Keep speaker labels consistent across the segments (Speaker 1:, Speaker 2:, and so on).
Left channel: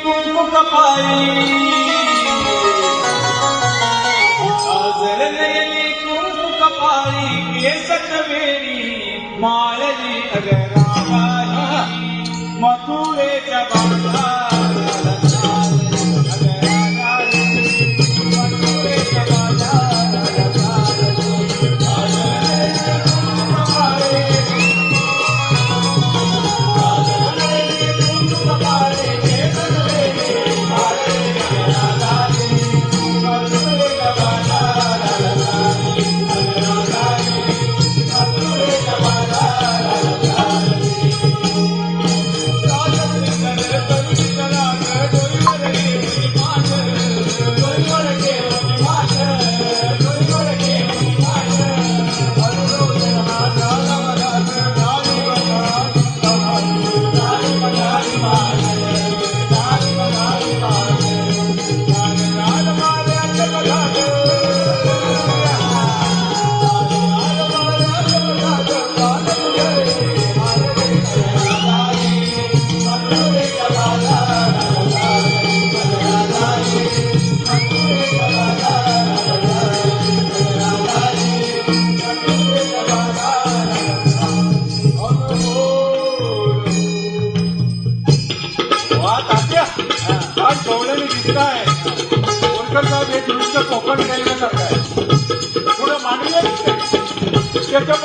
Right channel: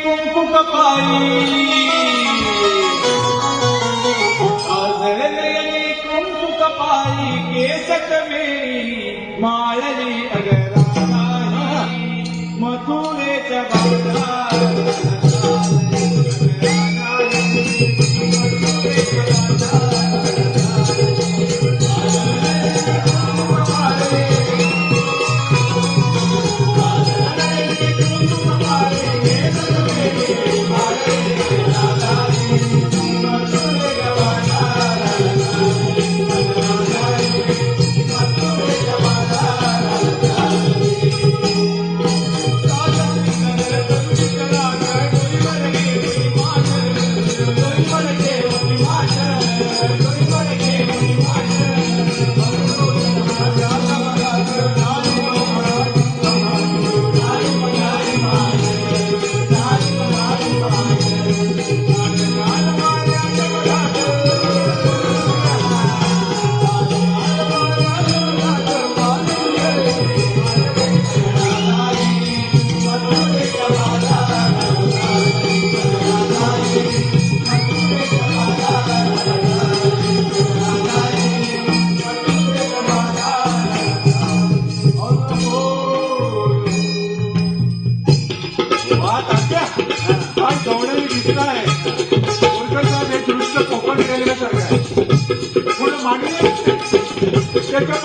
Speaker 1: kung kung kapay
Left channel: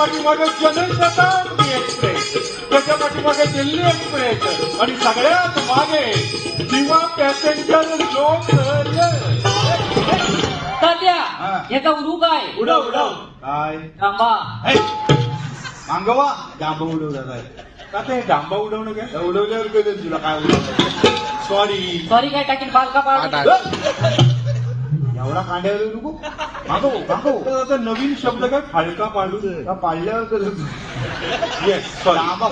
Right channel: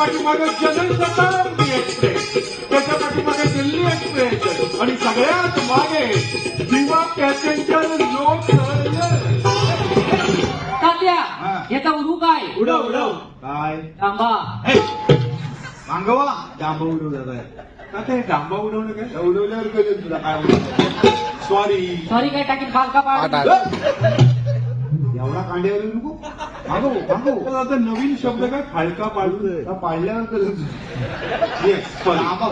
Speaker 1: पाठीमागे general Shatabdi express त्याच्या पाठीमागे दिल्ली एक्सप्रेस आणि सगळ्यात मागे दिवा पॅसेंजर लोक
Speaker 2: तात्या
Speaker 1: हा.
Speaker 2: याचा उडू काय?
Speaker 1: उडव उडव. काय?
Speaker 2: थांबा.
Speaker 1: मांगवा. डांबा उडवला आता हे डांबा उडवणं काय? उडवल्यावर कळेल तुला काय उडवलं? सॉरी
Speaker 2: सॉरी काय टाकील बाल का पाड
Speaker 1: एवढा कांड्यावर नको. आता नवीन शब्द काय? फाळका पाडू का पाडल्यावर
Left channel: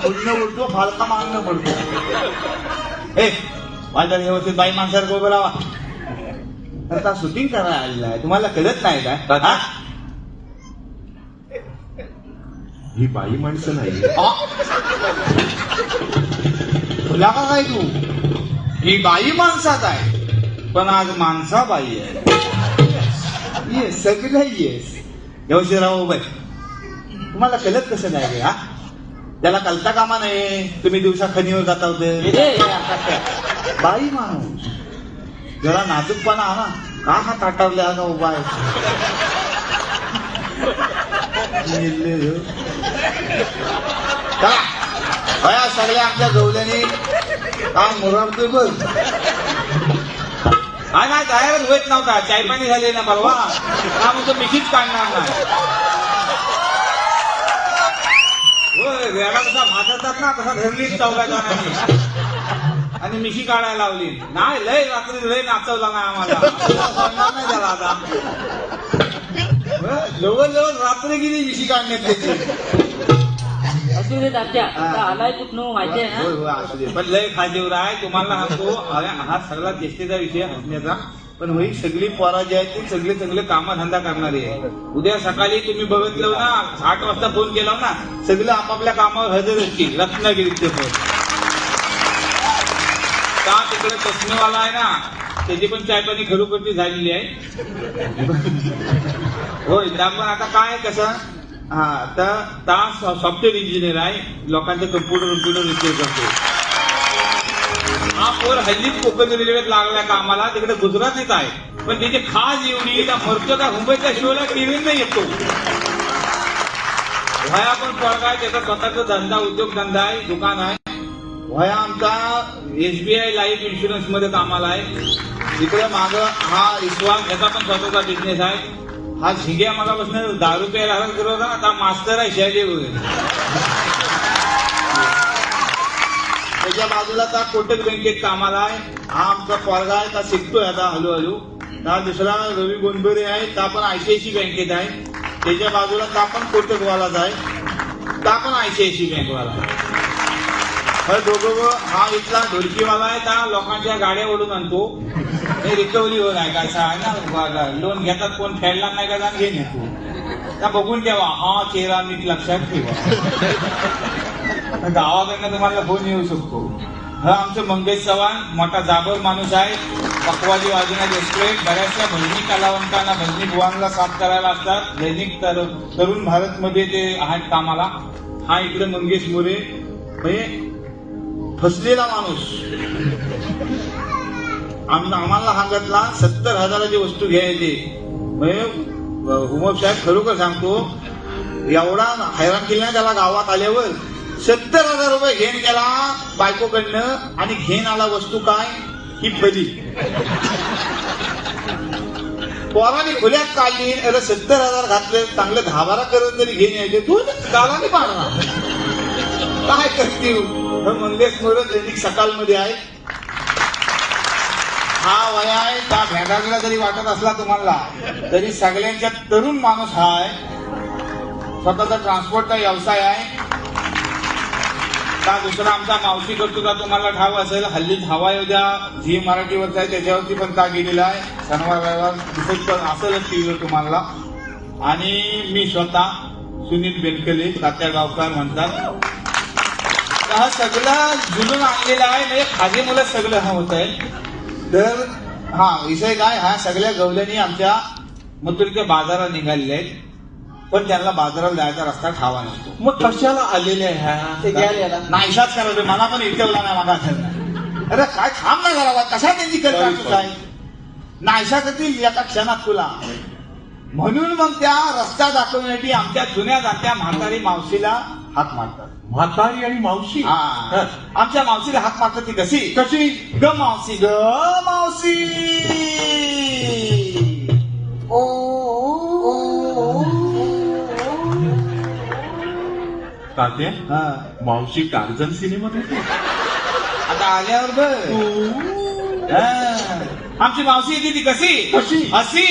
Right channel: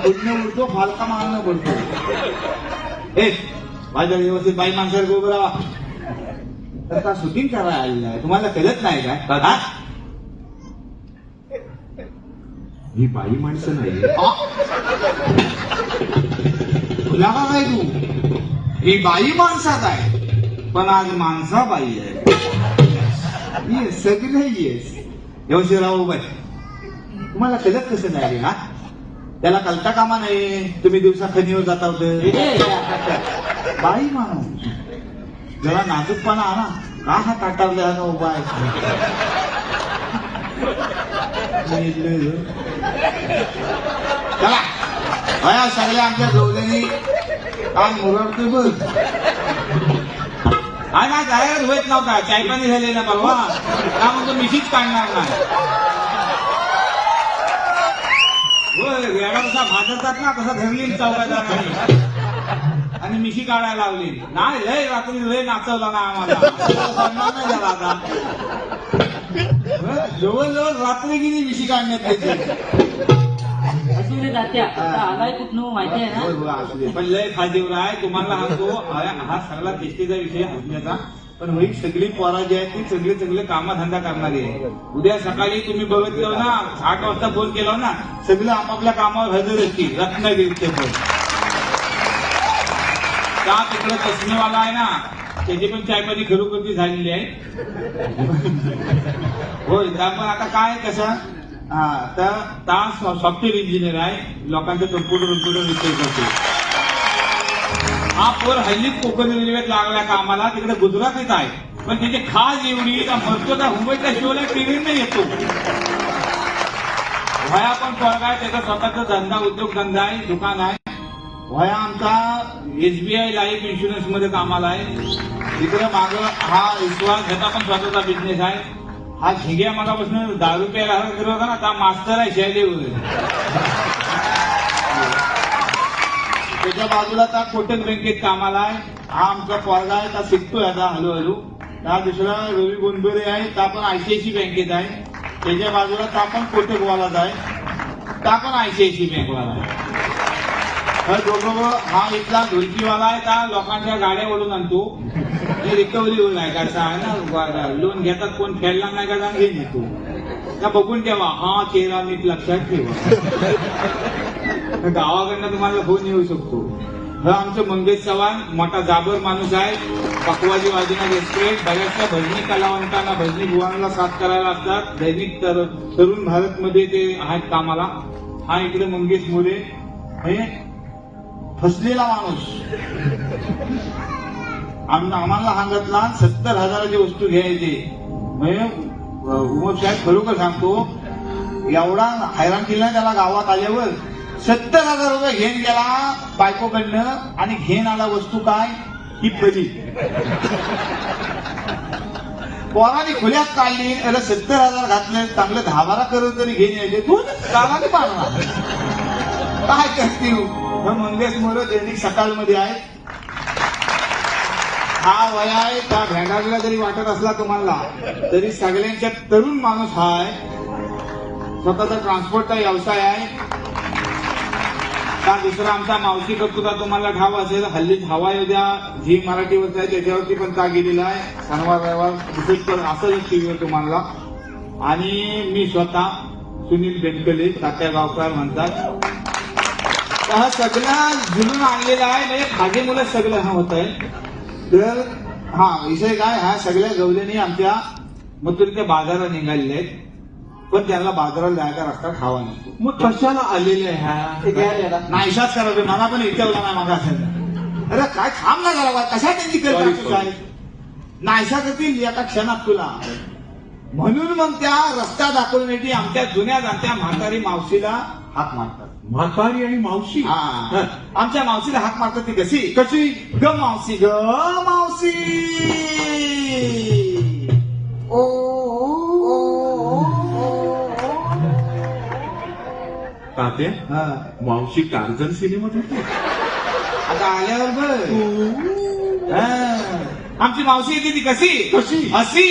Speaker 1: फुटणं उडतो फाळका मागणं पडतो ए माझ्या व्यवस्थित बाई माणसाला गोबर राहा आता शूटिंग करायला आलेला आहे. तुम्हाला कळत नाही काय हा? ही बाई माणसं नाही तुला का काय तू. ही बाई माणसात आहे. पण आज माणसा बाई आहे. येस सगळं येस व्यवस्थितराव बाई तुम्हाला कळत कसं नाही रे हा त्याला कलता कामा नाही तुम्ही दिवसा खनिवर जाता होते
Speaker 2: ए,
Speaker 1: बाई माणूस जरा नाजूकपणा आणा का हा ताटावल्या उपाय चला बया सगळ्या आमच्या गौल्यानी काय मुरडतोय बघ
Speaker 3: हा नाही जायवर होत नव्हता. चायपाणी झाले ना बाबा. हा म्हणजे मिठीच काढणार ना होय वेळा कसा भाजतात ना कसा धरली चौकात आणि मिशी काढायला लावली. नाही लय रात्री लय नाचवला ना आम्हाला. जवळ जवळ रात्री आता गेली मिशी काढण्यात
Speaker 2: आता आलाय कुठनं माहिती आहे ना?
Speaker 1: असू दे.
Speaker 3: पण लय आहे. तुम्हाला सांगतो अरे हा सगळा चेष्टेचा विषय हसण्याचा पण ही सगळी पोरा जी आहेत ती सगळे सगळे कामधंदा करणारी आहे. उद्या सकाळी तुम्ही बघितलं ना आठ वाजता फोन केला ना सगळं आपापल्या कामावर हजर असतील. रत्नागिरीचे पण का तिकडे चष्मेवाला आहे ना त्याची पण चायपाणी खरोखरची झालेली आहे. होय त्यामुळे आता काय कसं? हा तर सॉफ्टवेअर इंजिनियर आहे. लोकांचा कम्प्युटर कम्प्युटर करतो हा पोर हल्लीच कोकण रेल्वेत लागला कामाला. तिकडे गुजरातीत आहे. पण त्याची खास एवढी का मरतो का मुंबईच्या शिवला टीव्ही येतो. वया पण फरक आहे. त्याचा स्वतःचा धंदा उद्योगधंदा आहे. दुकान आहे. वया आमचा एसबीआय लाईफ इन्शुरन्समध्ये कामाला आहे. तिकडे माग हा विश्वास त्याचा पण स्वतःचा बिझनेस आहे. हा झिग्या मागापासून दारू प्यायला हरत करत होता ना आता मास्टर आहे शहदेव त्याच्या बाजूला त्या कोटक बँकेत कामाला आहे. हा आमचा पोरगा आहे त्या शिकतोय आता हळूहळू. हा दुसरा रवी गोंडोरे आहे त्या पण आयसीआयसी बँकेत आहे. त्याच्या बाजूला त्या पण कोटकवालाच आहे. त्या पण आयसीआयसी बँकवाला. आहे दोघं हा इथला ढोलकीवाला आहे त्या लोकांच्या गाड्या ओढून आणतो. हे रिकव्हरीवर आहे का आहे ना लोन घेतात कोण फेडला नाही का घे तू. त्या बघून ठेवा हा चेहरा नीट लक्षात ठेवा. गावाकडनं तुम्हाला फोन येऊ शकतो. हा आमचं मंगेश चव्हाण मोठा जाबर माणूस आहे. पकवाजी वाजना रेस्टॉरंट बऱ्याचशा भजनी कलावंतांना भजनी भुवांना साथ करायला असतात. दैनिक तर- तरुण भारत मध्ये ते आहेत कामाला. हा इकडे मंगेश मोरे. हे फसलेला माणूस. आम्ही आम्हाला सांगितला सत्तर हजाराची वस्तू घ्यायची. म्हणजे उमर साहेब खरोखर सांगतो एवढा हैराण केला त्याला गावात आल्यावर. सत्तर हजार रुपये घेऊन गेला बायकोकडनं आणि घेऊन आला वस्तू काय? ही पहिली. पोराने खुल्यात काढली याला सत्तर हजार घातले चांगलं दहा बारा करून तरी घेऊन यायचे. तू काला पाहणार काय करतील हे मंगेश मोरे दैनिक सकाळमध्ये आहेत हा वय आहे त्या भेटायला जरी वाटत असला तुम्हाला तरी सगळ्यांच्या तरुण माणूस हा आहे. स्वतःचा ट्रान्सपोर्टचा व्यवसाय आहे. का दुसरा आमचा मावशी करतो का तुम्हाला ठाव असेल हल्लीच हवा उद्या झी मराठीवरचा आहे त्याच्यावरती पण का गेलेला आहे. शनिवार रविवार विशेष पण असेलच टीव्हीवर तुम्हाला. आणि मी स्वतः सुनील बेनकले तात्या गावकर म्हणतात. तर हा सगळं जुलून आणलेला आहे. म्हणजे खाजी मुलं सगळं हा होत आहे तर हा विषय काय? हा सगळ्या गवल्यानी आमच्या मथुरच्या बाजारात निघालेले आहेत. पण त्यांना बाजारात जायचा रस्ता ठावा नसतो
Speaker 1: मग कशाला आलेले ह्या?
Speaker 2: घ्यायला याला.
Speaker 3: नाहीशाच करायचं मला पण इटवला नाही असेल. अरे काय थांब ना जरा कशा त्यांची
Speaker 1: Sorry,
Speaker 3: करत नाहीशा करतील एका क्षणात तुला. म्हणून मग त्या रस्ता दाखवण्यासाठी आमच्या जुन्या जात्या म्हातारी मावशीला हाक मारतात.
Speaker 1: म्हातारी आणि मावशी
Speaker 3: हा. आमच्या मावशीला हाक मारतात ती कशी
Speaker 1: कशी
Speaker 3: ग मावशी ग मावशी ओ, ओ.
Speaker 1: तात्या
Speaker 3: हा.
Speaker 1: मावशी टार्झन सिनेमात होती
Speaker 3: आता आल्यावर बघ हा. आमची मावशी येते ती कशी
Speaker 1: कशी?
Speaker 3: अशी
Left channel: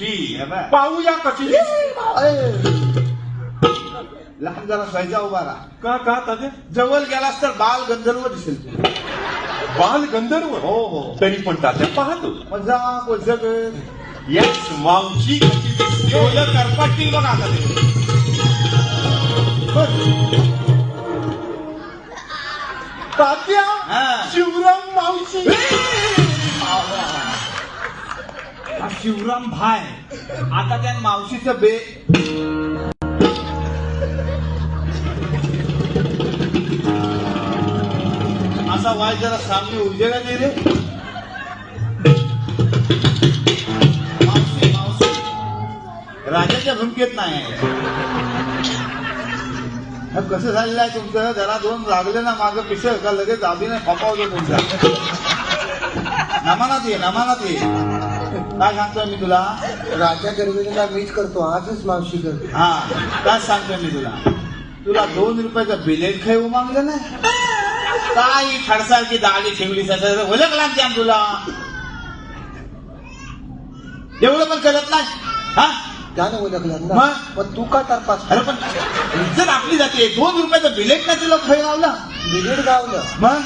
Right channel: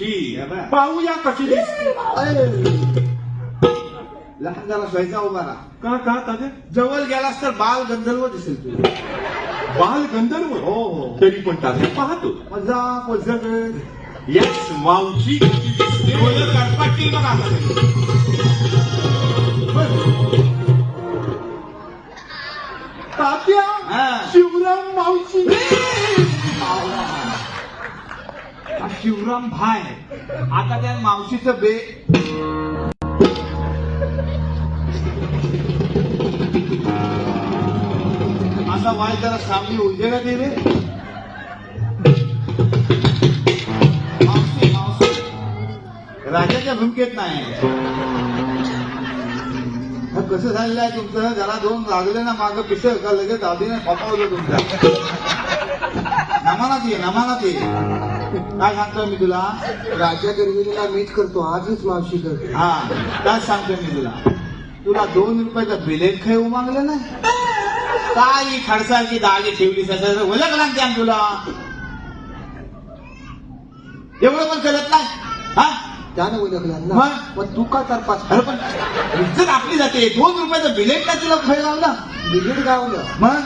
Speaker 3: बघा.
Speaker 1: पाहूया कशी.
Speaker 3: लहान जरा स्वयंचा उभा राहा.
Speaker 1: का का तात्या?
Speaker 3: जवळ गेलास तर बाल गंधर्व दिसेल तुला.
Speaker 1: बाल गंधर्व?
Speaker 3: हो हो.
Speaker 1: तरी पण तात्या पाहतो.
Speaker 3: मजा कोजग.
Speaker 1: याच मावशी कशी दिसते?
Speaker 3: डोलं करपाटतील बघ आता ते.
Speaker 1: तात्या
Speaker 3: हा.
Speaker 1: शिवराम मावशी.
Speaker 3: हा शिवराम भाय. आता त्या मावशीचं बे. असा वाय जरा सामने उजेला गेले मावशी मावशी. राजाच्या झुमकेत नाही. कसं झालेलं आहे तुमचं? जरा दोन लागले ना मागं पिसळ का लगेच दादीने खपावलं तुमचं नमानात ये नमानात ये. काय सांगतोय मी तुला.
Speaker 4: राजा गर्भिणीला मीच करतो आजच मावशी करतो.
Speaker 3: हा काय सांगतोय मी तुला? तुला दोन रुपयाचं बिलेट खाऊ मागलं ना काय खडसाची दागी ठेवली सगळं ओळख लागते तुला. एवढं पण करत नाही? हा?
Speaker 4: त्याने ओळखलं ना
Speaker 3: मग?
Speaker 4: पण तू का तरपास
Speaker 3: अरे पण इज्जत आपली जाते. दोन रुपयाचं बिलेट का तुला खेळ लावला?
Speaker 4: बिलेट गावलं.
Speaker 3: मग?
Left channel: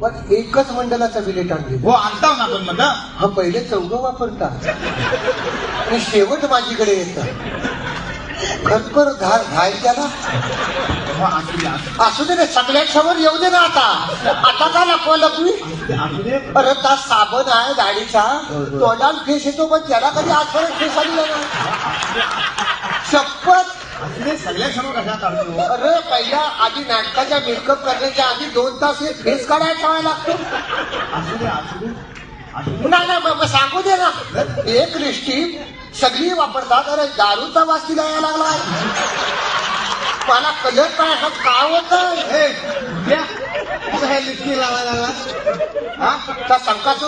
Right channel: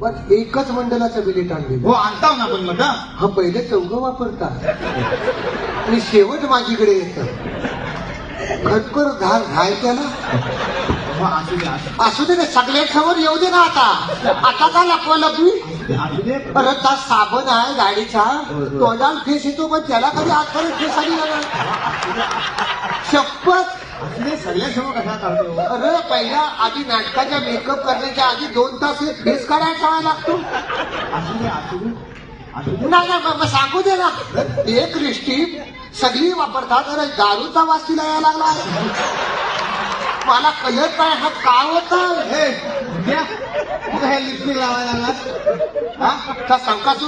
Speaker 4: पण एकच मंडळाचं बिलेट आणले
Speaker 3: हो आणताव ना पण मग हा?
Speaker 4: पहिले चौघ वापरता. आणि शेवट माझीकडे येत. घटकर घाल घायच्या ना?
Speaker 3: असू दे
Speaker 4: ना सगळ्या समोर येऊ दे ना आता. आता का लपवा लपवी अरे त्या साबण आहे गाडीचा. तोंडाला फेस येतो पण त्याला कधी आजपर्यंत फेस आली शपथ
Speaker 3: असू सगळ्या समोर कशा काढतो
Speaker 4: अरे पहिला आधी नाटकाचा मेकअप करण्याच्या आधी दोन तास हे फेस काढायला ठेवायला लागतो.
Speaker 3: असू दे असू दे. असू दे.
Speaker 4: नाही नाही सांगू दे ना. एक रिष्टी सगळी वापरतात. अरे दारूचा वास तिला यायला लागलाय. मला कलर काय हा काय होता.
Speaker 3: आता हे लिपस्टिक लावायला. हा?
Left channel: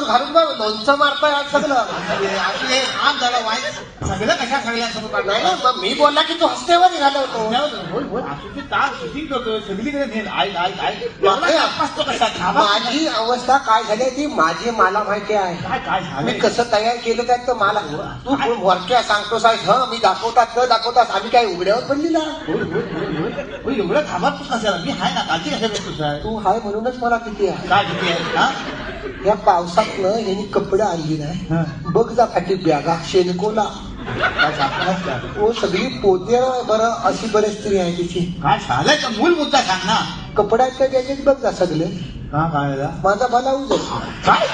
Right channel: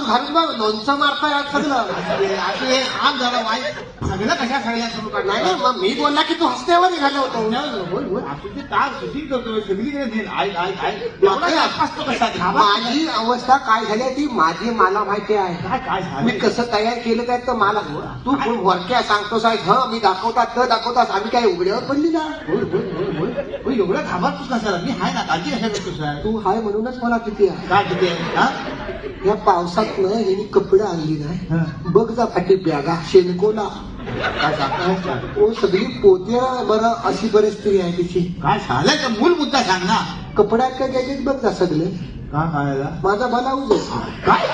Speaker 4: घालून बघ लोणचं मारताय सगळं.
Speaker 3: असं हे झालं वाईट. सगळं कशा सगळ्या सुरू करणार
Speaker 4: मग मी बोलला की तू
Speaker 3: कसा थांबा.
Speaker 4: माझी अवस्था काय झाली ती माझी मला माहिती आहे. मी
Speaker 3: झालं?
Speaker 4: कसं तयार केलं काय तर मला तू वरच्या सांगतोस आहे ह मी दाखवतात त दाखवतात आम्ही काय उघड्यावर पडलेला
Speaker 3: होय, होय, होय, होय. होय, एवढं घाबरतोस कशाला मी हाय ना काळजी कशाला यार?
Speaker 4: तू हाय म्हणूनच मला किती आहे
Speaker 3: काय किती आहे? हा?
Speaker 4: या पावसातनं यांनी कपडे आणली नाही
Speaker 3: हा.
Speaker 4: बघ जा पाठी बॅगा शेणकोला? तो सगळी पोतेला बरं अशी बरेच स्त्री आहे तिची
Speaker 3: काय मूल मुद्दा सांग ना
Speaker 4: कपड्यात काय त्याच्यात बघ जा सगळे
Speaker 3: का काय
Speaker 4: माझा आहे.
Speaker 3: काय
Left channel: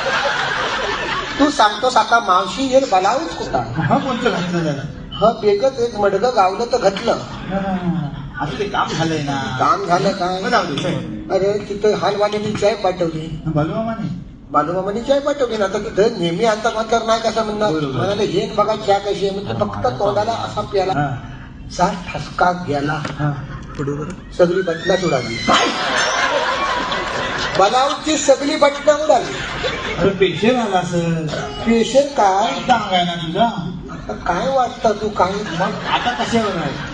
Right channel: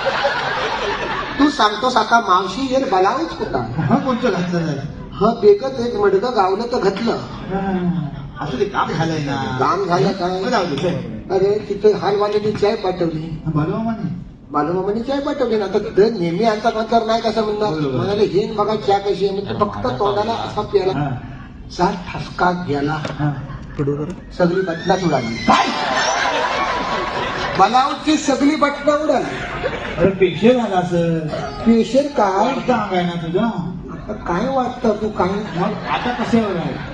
Speaker 4: तू सांगतोस आता मावशी जर बलाऊज कुठला
Speaker 3: हा कोणतं घातलं त्याला
Speaker 4: ह बेगच एक मडगं गावलं तर घातलं
Speaker 3: असं ते काम झालंय ना.
Speaker 4: काम झालं काय. अरे तिथं हालवाणीने चाय पाठवली. बालूमामाने. चाय पाठवली ना. तर इथं नेहमी आता नंतर नाही कसं म्हणणार. म्हणाले हे बघा चाय कशी आहे. फक्त तोंडाला असा प्याला.
Speaker 3: हा,
Speaker 4: चार ठसका गेला
Speaker 3: हा.
Speaker 4: सगळी बटणा उडाली.
Speaker 3: काय?
Speaker 4: बलाऊची सगळी बटणा उडाली.
Speaker 3: अरे पेशे झाला असं
Speaker 4: पेशंट काय?
Speaker 3: आहे ना तुझा?
Speaker 4: आता काय वाटतं तू? काय?
Speaker 3: मग आता कशावर आहे
Speaker 4: आता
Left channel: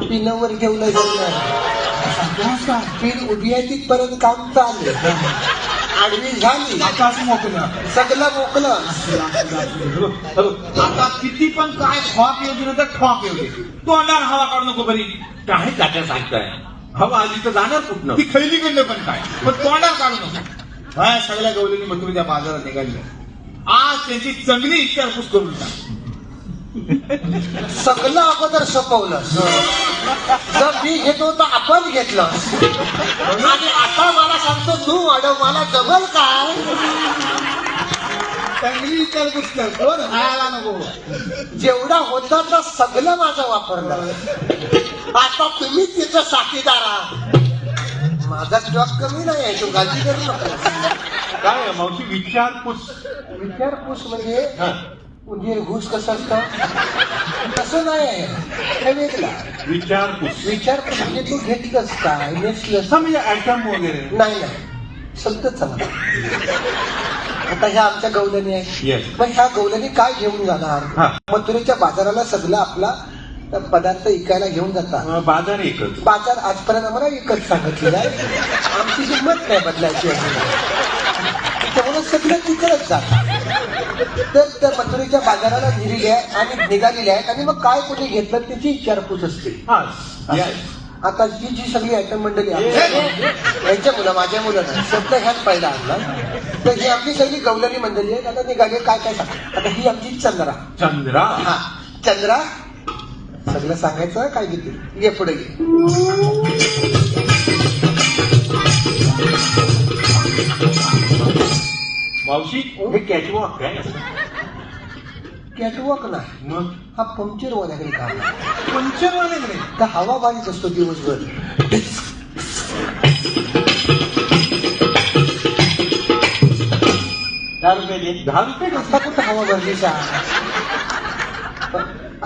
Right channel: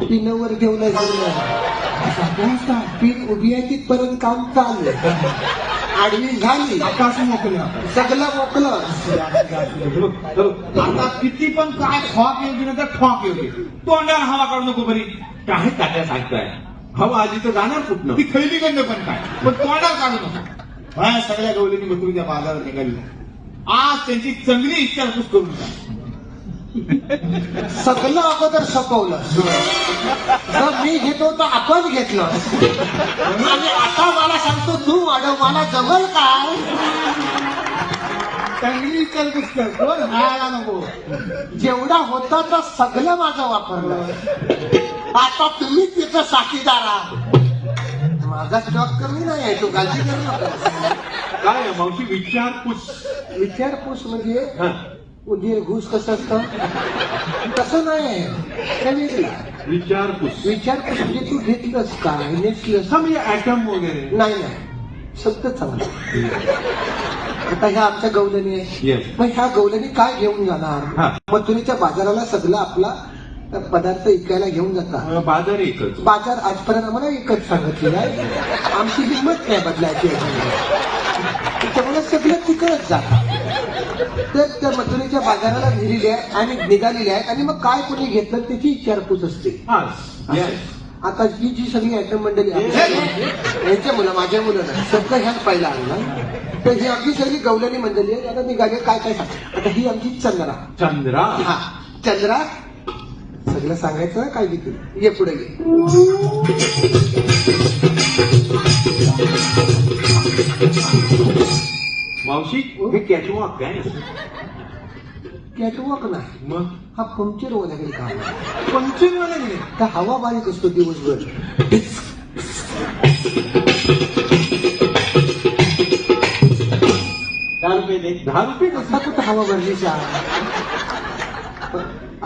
Speaker 4: पिनावर ठेवलं जाऊ पिन उभी आहे तिथपर्यंत काम चाललं आडवी झाली
Speaker 3: आता असं
Speaker 4: सगळं मोकलं
Speaker 3: आता किती पण काय खॉक येऊ तर खॉक येऊ दे. तोंडाला हवा काढू नको बरी. काय तात्या सांगताय हवा आधी तर जाणार कुठनं? ती खैली कडनं पण काय? पण तोंडाला काढू नको. हा सगळ्या गवलीनी मथुरीच्या बाजारात निघाली. आज त्यांची चांगली विचारपूस करून टाक.
Speaker 4: सगळं अगोदर सपवलं. जर मी घेतो तर आपण घेतलं. आणि आता मला सांगतो तू वाढव मला जवळ काय
Speaker 3: चांगली विचारपूस कर कोण हायला नको.
Speaker 4: जेवढा होता तर सगळं माझं वापरलं. आता तुम्ही तिचं साथीदार आहात. माझा जॉब कमी नाही आहे तू काळजी करू
Speaker 1: काय मावशी विचारपूस.
Speaker 4: विचारपूस म्हणजे उंदीर घुस कसं असतं? तसं नाही. वेगळा
Speaker 1: विचारपूस
Speaker 4: विचार म्हणजे तू घेतलंस काय नेसलंस
Speaker 1: म्हणजे आयटम वगैरे.
Speaker 4: नाही नाही. सत्य चांगलं आता ह्या आमच्या गवलनी
Speaker 1: Yes.
Speaker 4: मग ह्या गवलनी काय घेऊन
Speaker 1: हा.
Speaker 4: जाणार मथुरेच्या बाजाराला सगळं आपला पदार्थ विकायला घेऊन जातात.
Speaker 1: अं, बाजार एकच
Speaker 4: बाजार आजपर्यंत आम्हाला एकच सांगितलेला आहे. आमची किंमत नाही बदलायची. त्यामुळे सगळं तिकडच जात. तर त्या मथुरेच्या बाजाराला नेलेली आहे आणि निघालेली आहेत आणि मग काय कुठे घेतलं? त्याची विचारपूस असते.
Speaker 1: हा.
Speaker 4: आता ही जी सगळी आयटम मंडळी आहे यांच्या मुलं माझ्या मुलं नाही सुद्धा ह्याच पाहिला आणला तर ही आपली सगळी गवलनी मंडळी आहे त्याला निघाले काय काय सांग? आता ही आमची चंद्रा.
Speaker 1: चंद्रा?
Speaker 4: हा. चंद्रा सगळं सांगायचं काय किती ये पुढे ये
Speaker 1: मावशी हे कॅटवॉक काय
Speaker 4: कॅटवॉक नाही.
Speaker 1: मग?
Speaker 4: हा पंक्चर वाल्याकडे आहे.
Speaker 1: पंक्चर वाले नाही
Speaker 4: का हवा बारीक असतो दिवसभर?
Speaker 3: दहा रुपये दे.
Speaker 1: दहा रुपये कसं?
Speaker 4: आता कुठं हवा भरली सा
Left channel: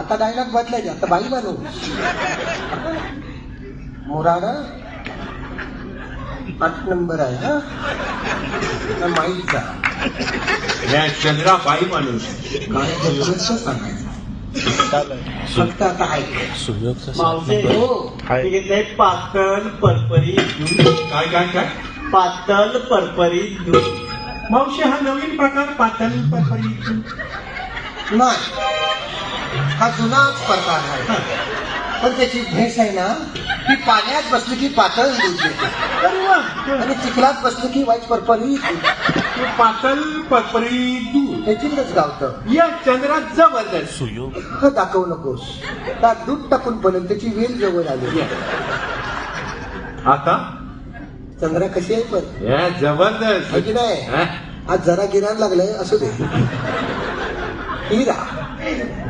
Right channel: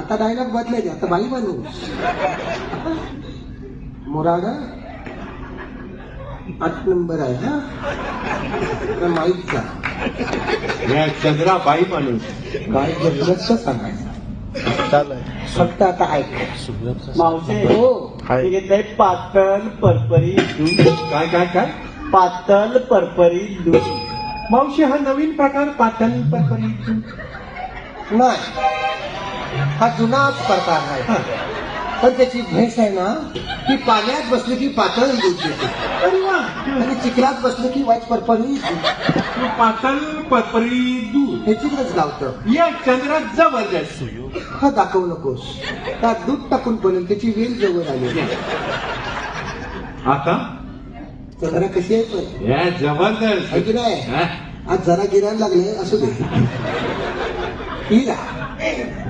Speaker 4: आता डायलॉग बदलायचे आता बाई बालो मोराड पाच नंबर आहे हा? माहीत का?
Speaker 1: या चंद्रा बाई बनवून
Speaker 4: काय जबरदस्त फक्त आता ऐक
Speaker 2: मावशे
Speaker 4: हो.
Speaker 2: घेतलंय पातळ परपरी दूध.
Speaker 1: काय काय काय?
Speaker 2: पातळ परपरी दूध.
Speaker 1: मावशी हा नवीन प्रकार पातळ पापरी
Speaker 4: नाही. हा जुनाच प्रकार आहे. पण त्याची भेस आहे ना ती पाण्यात बसली की पातळ दूध देते
Speaker 1: अरे वा.
Speaker 4: आणि चिखलात बसली की वाईट परपरी
Speaker 1: पातळ पपरी दूध
Speaker 4: ह्याचीच गावतं
Speaker 1: या चंद्रा जबरदस्त
Speaker 4: हा दाखवू नकोस. त्यात दूध टाकून पडेल त्याची वेल जवळ आली.
Speaker 1: आता?
Speaker 4: चंद्रा कशी आहे पण?
Speaker 1: जबरदस्त?
Speaker 4: आज जरा गिराण लागलंय असू दे. हिरा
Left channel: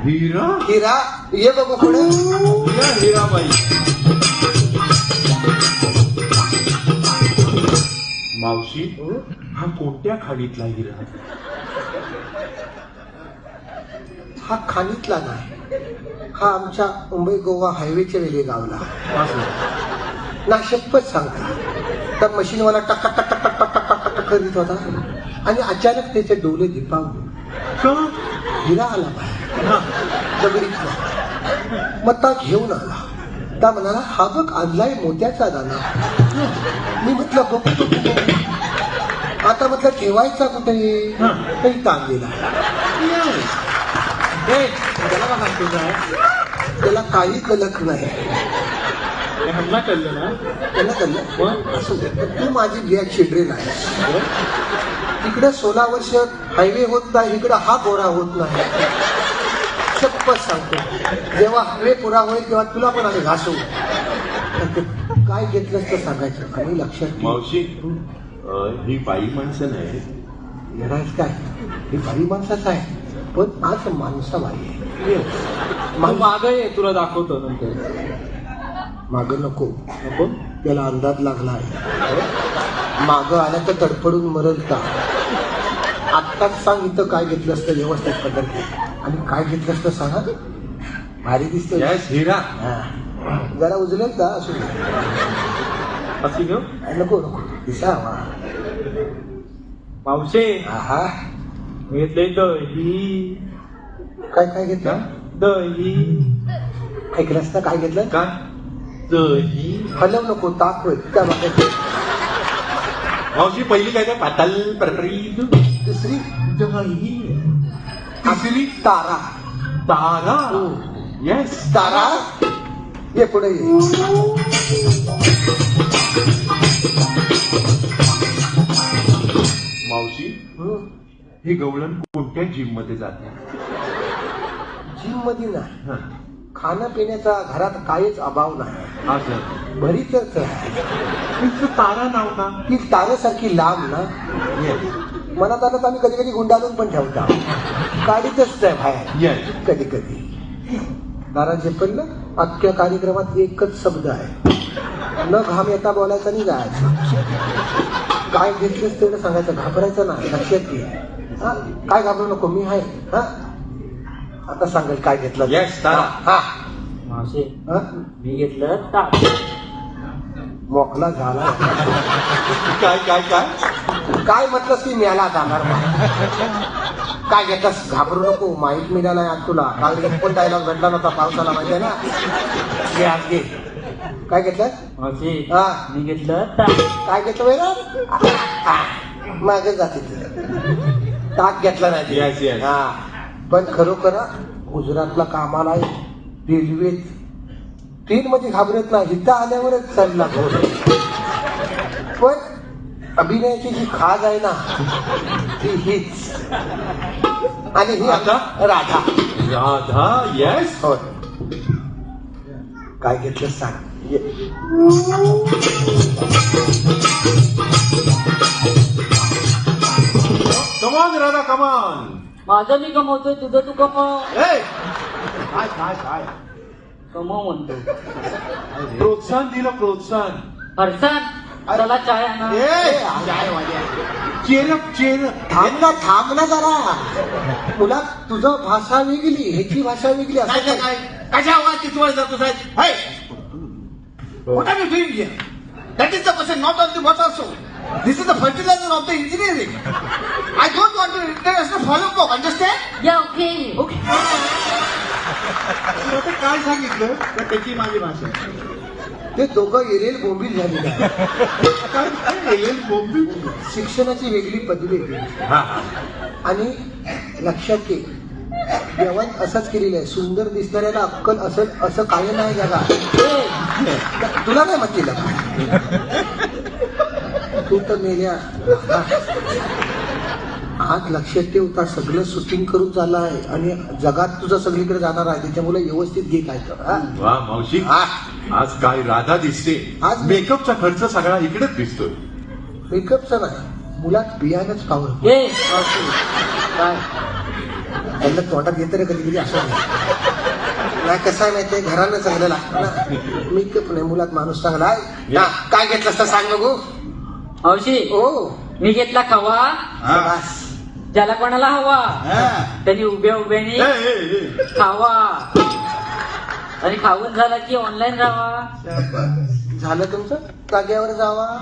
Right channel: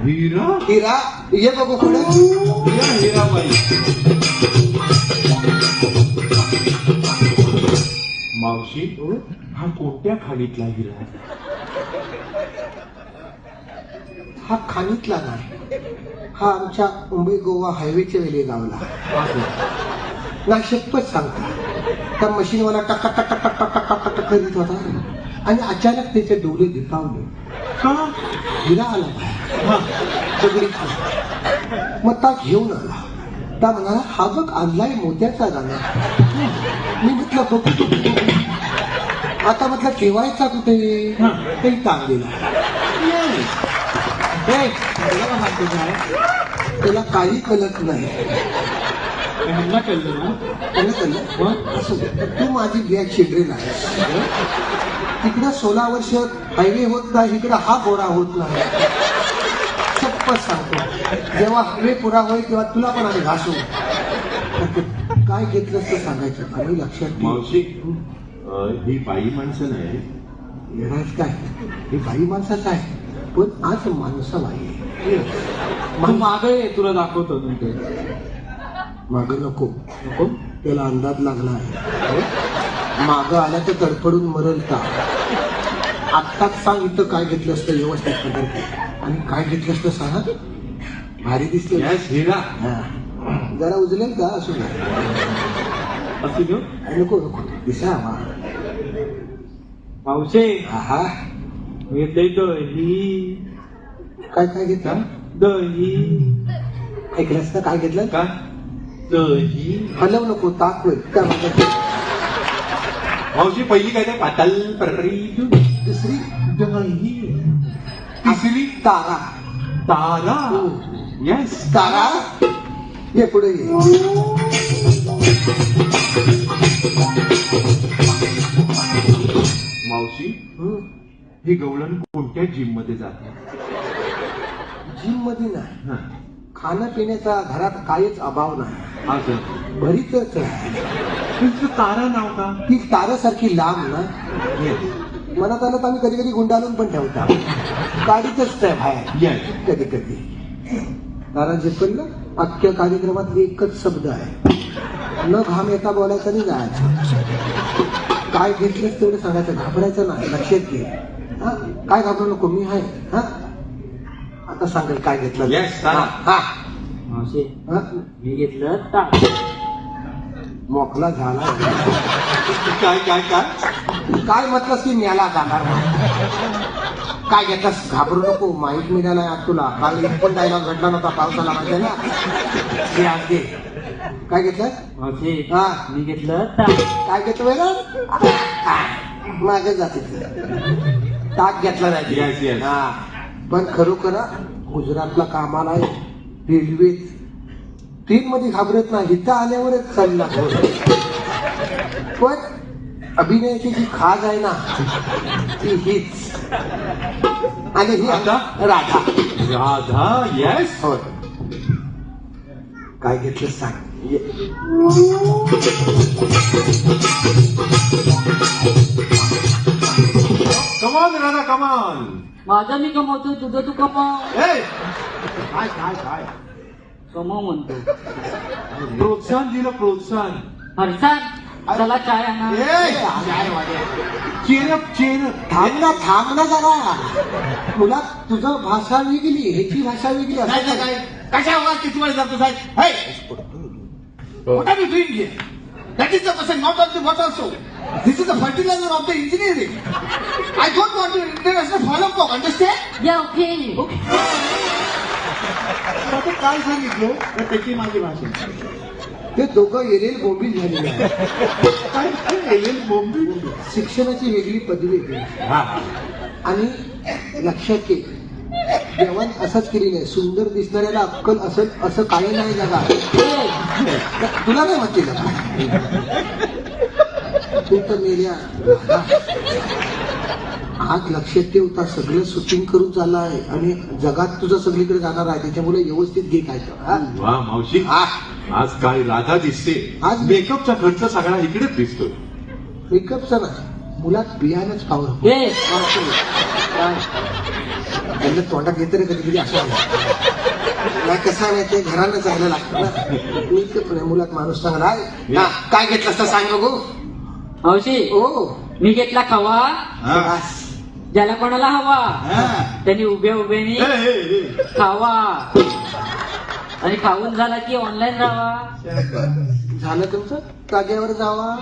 Speaker 1: हिरा?
Speaker 4: हिरा ये
Speaker 1: बाबा मावशी हा? कोणत्या खाडीतला हिरा.
Speaker 4: हा खाडीतला नाही. हा आमच्या मुंबई गोवा हायवेच्या रेल्वे गावला. ना शपथ सांगता. त्या मशीन मला टक्का टक्का टक टक्का टक करीत होता. आणि अचानक त्याचे डोळे दिपावले हिरा आला बाहेर. मग ता घेऊन आला. त्या म्हणाला हा बघ आणलाय मोत्याचा दाना. मी म्हटलं बघतो आता म्हटलं ठेवायचा कुठे? काही काढलेला त्याला काही कलक नाही. त्याला कळलं असू दे. तू माझी ब्लॅक चिल्ड्रेन आहे तिकडे सोळा वर्ष हायवे होत नाही इकडे हा गोरा होत नाही. चप्पल सांगतो जेव्हा हायवे पुरा होईल तेव्हा तुला पण आम्ही घासू काय घेतलं तर सांगायचं? आणि लक्षात.
Speaker 1: मावशी ही बाई माणसं नाही.
Speaker 4: येणार काय? हे बाई माणसाचं आहे. पण आज माणसाला आहे.
Speaker 3: मग मागे ये, तुला दाखवतो नंतर.
Speaker 4: माग नको. नको? त्याला अंदाज लागला आहे. माग आला तर तडफडून मरल का? आत्ताच सांग इथं काय घेतलं असतं व्यवस्थित पद्धती आणि काय घेतलं असतं सांगा भारी दिसलं
Speaker 1: यस हिरा
Speaker 4: हा. जरा उजलेल का? असू.
Speaker 3: असू घेऊ
Speaker 4: नको नको. दिसा
Speaker 3: पावसे
Speaker 4: आहा.
Speaker 3: घेतले दही.
Speaker 4: काय काय घेतलं?
Speaker 3: दही.
Speaker 4: ऐकलंस तर काय घेतलं?
Speaker 3: काय? दही.
Speaker 4: हलव नको मागे.
Speaker 1: मावशी पहिली काय काय पाताल प्रकरी
Speaker 4: दुसरी?
Speaker 3: दही.
Speaker 4: तिसरी? तारा
Speaker 1: तारा येस
Speaker 4: तारा ये पुढे.
Speaker 1: मावशी. हे गवळण कोणत्या जिममध्ये जाते
Speaker 4: जिममध्ये नाही
Speaker 1: हा.
Speaker 4: खाणं पिण्याचा घरात काहीच अभाव नाही
Speaker 1: असं
Speaker 4: घरी तर चढ.
Speaker 1: तुमचं तारा नाव का
Speaker 4: ती तारासारखी लांब ना मनात आलं तर आम्ही कधी कधी गुंडाळून पण ठेवता. गाडीतच आहे बाहेर.
Speaker 1: येस
Speaker 4: कधी कधी. नारायण झेपरलं अख्ख्या कार्यक्रमात एकच शब्द आहे. न घाम येता बोलायचं नाही जायचं काय घेतलंस तेवढं सांगायचं घाबरायचं ना लक्षात घे. हा? काय घाबरू नको? मी आहे. हा? आता सांगेल काय घेतलं? हा.
Speaker 2: मावशी
Speaker 4: हा?
Speaker 2: मी घेतलं
Speaker 4: मोकला झाला.
Speaker 1: काय काय काय?
Speaker 4: काय म्हटलं की मेला जाणार? काय घेतलास? घाबरू नको माहीत मिळाला आज तुला. काल एक पण डायलॉग घडला नव्हता पावसाला म्हणजे ना. हे घे. काय घेतलं? हा.
Speaker 2: मी घेतलं
Speaker 4: काय घेतो वेगळं मागे जाते ताक घेतला नाही. हा. पण खरोखर गुजरातला कामाला रेल्वेत. ट्रेन मध्ये घाबरत नाही. इथं आल्यावरच चालला पण अभिनयाची जी खाज आहे ना ती हीच. आणि ही आता राधा.
Speaker 1: राधा येस
Speaker 4: होय काय घेतलं सांग.
Speaker 1: कमान राधा कमान
Speaker 2: माझं मी कमवतोय तुझं तू कमव.
Speaker 1: काय काय काय
Speaker 2: कमव म्हणतो
Speaker 1: प्रोत्साहन दिलं प्रोत्साहन.
Speaker 2: फरसान
Speaker 4: चेहरा चेहरा थांबला थांबला झाला तुला तुझं भाषा निघली ह्याची भाषा निघली
Speaker 3: काय कशा आवाज किती वाजला तू साहेब? हो. कुठं बस फिल्ड घे. That this is the fertilizer of the engineering I don't want to
Speaker 2: interfere को
Speaker 3: अंडरस्टँड काय सांगितलं? तर त्याची माझी भाषा.
Speaker 4: ते दोघं एरियल बोंबील झालेले
Speaker 3: काय एलियन बोंबी
Speaker 4: शिक्षणाची वेगळी पदवी
Speaker 1: हा.
Speaker 4: आणि लक्षात घे जेवण असंच केलेलं आहे. सुंदर दिसणाऱ्याला अक्कल असं असं काही नाही? जगा तुला काय माहिती? तू तर मेल्या. आज लक्षात ठेवता सगळं शूटिंग करून चाललं आहे आणि जगात तुझं सगळीकडे जाणार आहे त्याच्यामुळे व्यवस्थित घे काय कर हा?
Speaker 1: वा मावशी.
Speaker 4: हा.
Speaker 1: आज काय राधा दिसते?
Speaker 4: आज
Speaker 1: मेकअपचा खर्च सगळा इकडेच दिसतो.
Speaker 4: मेकअपचा नाही मुलात बियाणंच पावर
Speaker 2: ये
Speaker 4: त्यांना तोंडात येतं ना कधी कधी असं. नाही कसं आहे माहितीये घरानं चांगलं लागतं ना. मेकअप नाही मुलात माणूस चांगला आहे. ना, काय घेतलं असतं सांग बघू.
Speaker 2: मावशी
Speaker 4: ओ
Speaker 2: मी घेतला खवा
Speaker 1: हा.
Speaker 4: बस.
Speaker 2: ज्याला कोणाला हवा. त्यांनी उभ्या उभ्याने. खावा. आणि खाऊन झाला की ऑनलाईन राहावा
Speaker 4: झालं तुमचं? जागेवर जावा.